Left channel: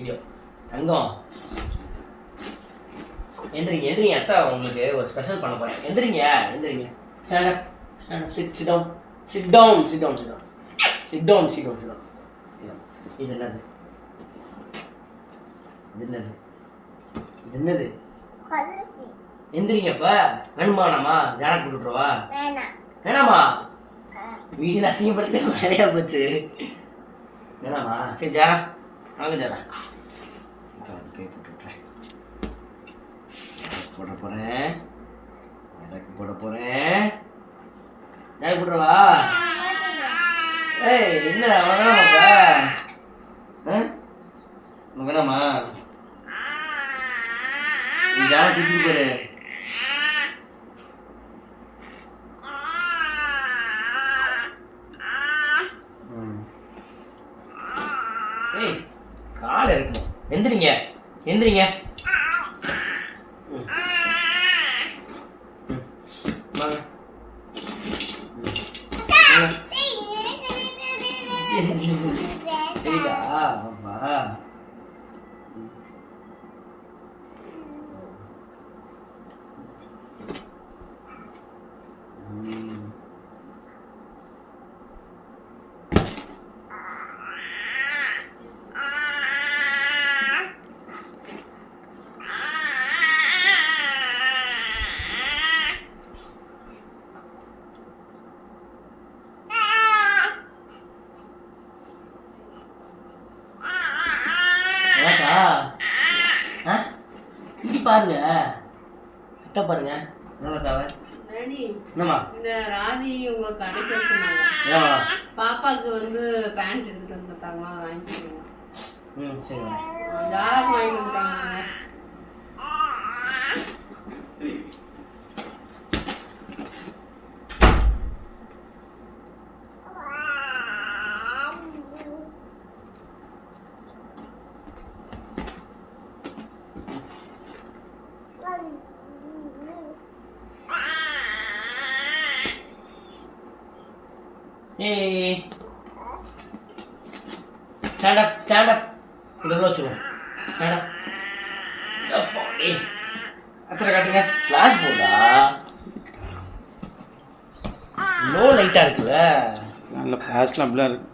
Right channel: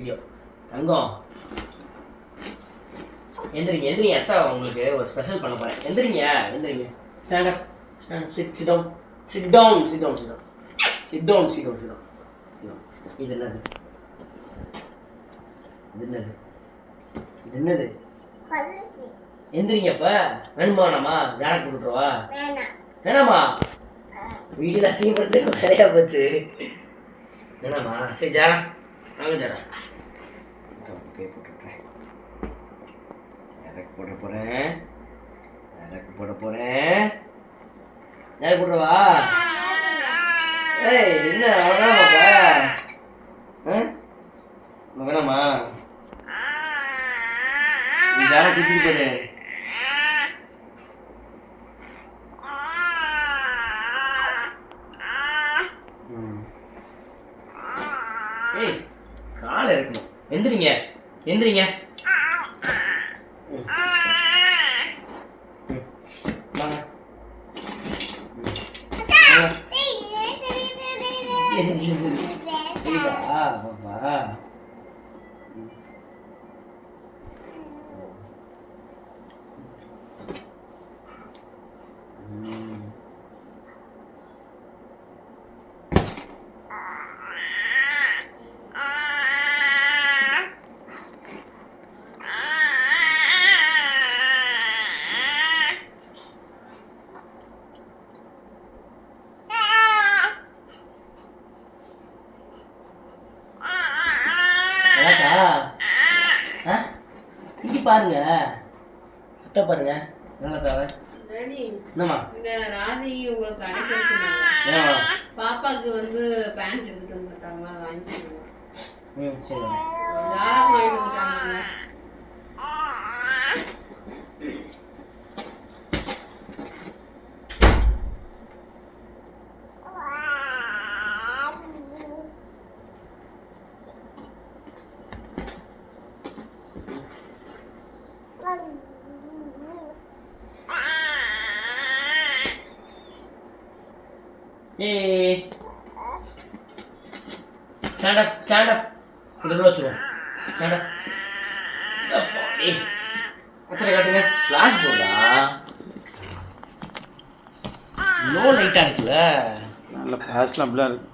Video. தங்கம் எந்திரிங்க எந்திரிங்க, அத்தா உங்களுக்கு ஒரு ஸ்பெஷல் பண்ண போகிறேன். எந்திரிங்க எந்திரிங்க. Stand up stand up. Sit down sit down sit down sit down sit down sit down sit down. இது என்னது? இது என்னது? இது என்னது? எந்திரிங்கப்ப. வேணுமானாமா? ஜாரக் போட்டுருவா? வேணாமா? வீடியோ அசிங்கப்படுத்து நிறையா போச்சு. வேணாமா? சரி ஜாரா வாங்க ஜாரா. போட போகிறேன். போட போகிறேன். ஜாரக் போட்டுருவா? ஏய் என்ன அவ்வளோதானாப்பா? வேணாமா? ஜாரா தூக்கிட்டு போரு. ஏய் காலை இருக்கணும். எந்திரிங்க எந்திரிங்க. வாங்க சரிடா பாப்பா. இங்க பாருங்க, அத்தை பாருங்க. என்னத்தாவ என்னம்மா? இந்த ராதி உங்களுக்கு அடைக்க சொன்னாங்க. பாப்பாக்கு வந்து பேண்ட் எடுத்துட்டு வந்துட்டாங்க, அதை வாங்கிட்டு. சரி ஜாராக்கு வாங்கிட்டு வந்துட்டாங்க. Hey, stand up, stand up. Udah வச்சுருவோம். Stand up. அப்பாடி. அத்தனை காட்டுங்க. கிளாஸ் போர்டா. நோ லைட்டா இருக்குல்ல. நல்ல கிளாஸ்லாம் அப்படிலாம் இருக்கு.